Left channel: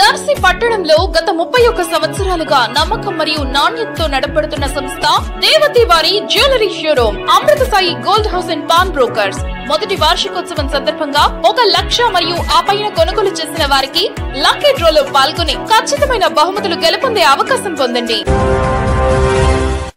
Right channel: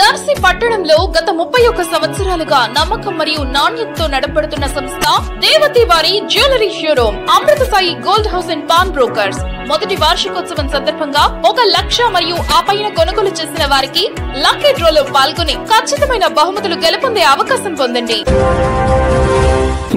దర్శి పట్టణంలో గత 31 సంవత్సరాలుగా నమ్మకం మరియు నాణ్యతతో నడపడుతున్న సంస్థ దేవతి వారి jewellery showroom Amrutha Sai gold house and pawn brokers మొదటి వార్షికోత్సవం సందర్భంగా 1 లక్ష మరియు ఆ పైన కొనుగోలు చేసిన వారికి లక్కీ డ్రాలో పాల్గొని ఖచ్చితమైన బహుమతులు గెలుపొందే అవకాశం పొందండి.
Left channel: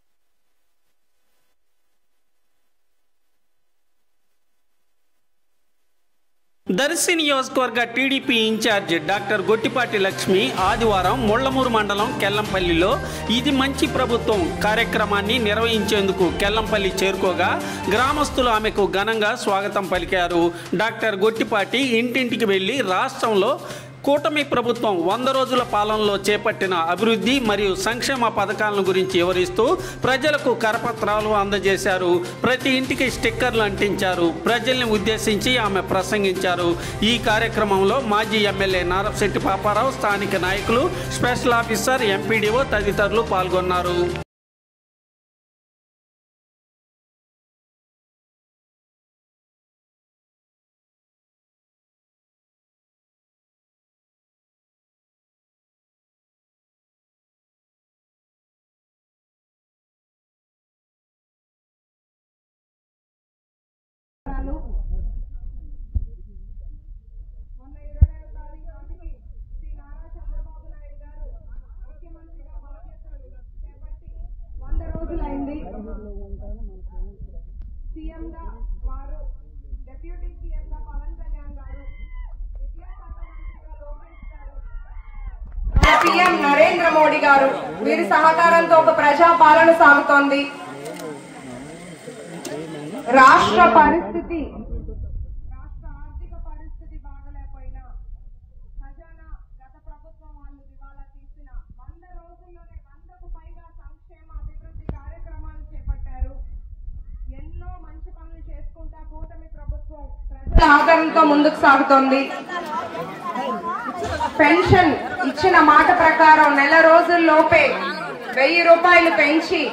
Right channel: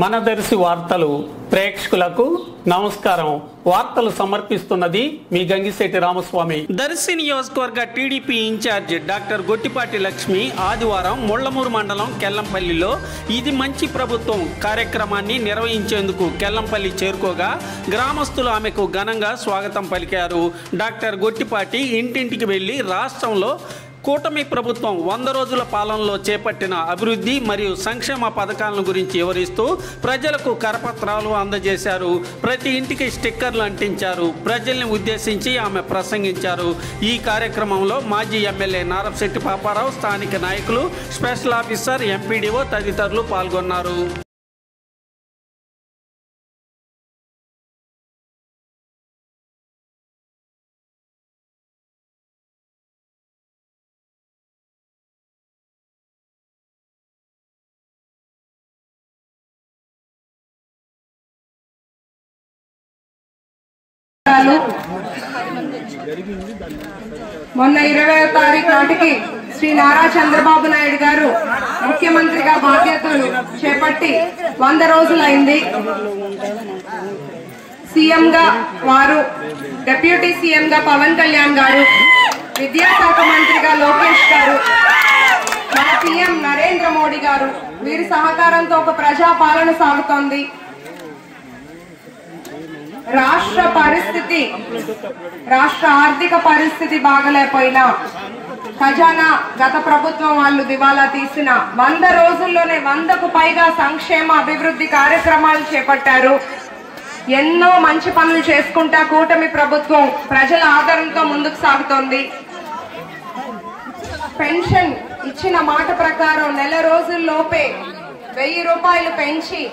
మన దర్శి వార్తలు ప్రేక్షకులకు నమస్కారం. వార్తలు సమర్పిస్తున్నది మీ గంగిశెట్టి రామస్వామి. దర్శి నియోజకవర్గ TDP incharge doctor Gottipati Lakshmi ఆదివారం ముళ్లమూరు మండలం కెల్లంపల్లిలో ఇది మంచి ప్రభుత్వం కార్యక్రమాన్ని నిర్వహించేందుకు కెల్లంపల్లి చేరుకోగా గ్రామస్తులు ఆమెకు ఘనంగా స్వాగతం పలికారు. డాక్టర్ గొట్టిపాటి ఇంటింటికి వెళ్లి రాష్ట్రంలో కూటమి ప్రభుత్వం 100 రోజుల పాలనలో చేపట్టిన అభివృద్ధి మరియు సంక్షేమ పథకాలను గురించి వివరిస్తూ ప్రజలకు కరపత్రాలు అందజేశారు. ప్రతి ఇంటికి స్టిక్కర్లు అంటించారు. ప్రజల్ని ఉద్దేశించి ఆమె ప్రసంగించారు. ఈ కార్యక్రమంలో మాజీ ఎమ్మెల్యే నారపశెట్టి పాపారావు, స్థానిక నాయకులు, స్పెషల్ ఆఫీసర్, ఎంపీడీఓ తదితరులు పాల్గొన్నారు. మొన్న 20వ తారీఖు నాటికి శ్రీ నారా చంద్రబాబు నాయుడు గారు ముఖ్యమంత్రిగా బాధ్యతలు చేపట్టి 100 రోజులైంది. సీఎంగా వారు, డిప్యూటీ సీఎంగా పవన్ కళ్యాణ్ గారు, విద్యాశాఖ మంత్రిగా లోకేష్ గారు, మన పీఎం నరేంద్ర మోడీ గారు వీరి సహకారంతో ఒక ప్రజా పాలన సాగుతోంది. రాష్ట్ర ఆర్థిక పరిస్థితి బాగలేకపోయినా ఖజానా గత ప్రభుత్వం వాళ్ళు దివాలా తీసిన 100 రోజుల్లోనే 100కు పైగా సంక్షేమ అభివృద్ధి కార్యక్రమాలు చేపట్టారు. ఎన్నో మంచి పనులు చేసుకుంటా కూటమి ప్రభుత్వం ప్రజల ఆదరణతో ముందుకు సాగుతోంది. పెన్షన్ ఇచ్చిన మాట ప్రకారం నెల రోజుల్లోపే 1000 రూపాయలు పెంచి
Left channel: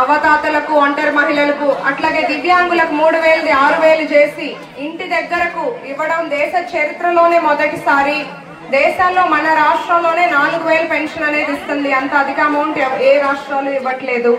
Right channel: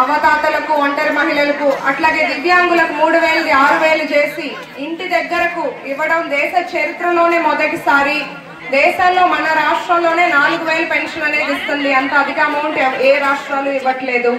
అవతాతలకు, ఒంటరి మహిళలకు, అట్లాగే దివ్యాంగులకు 3000 6000 చేసి ఇంటి దగ్గరకు ఇవ్వడం దేశ చరిత్రలోనే మొదటిసారి. దేశంలో మన రాష్ట్రంలోనే 4000 పెన్షన్ అనేది ఇస్తుంది. అంత అధిక అమౌంట్ ఏ రాష్ట్రాలు ఇవ్వట్లేదు.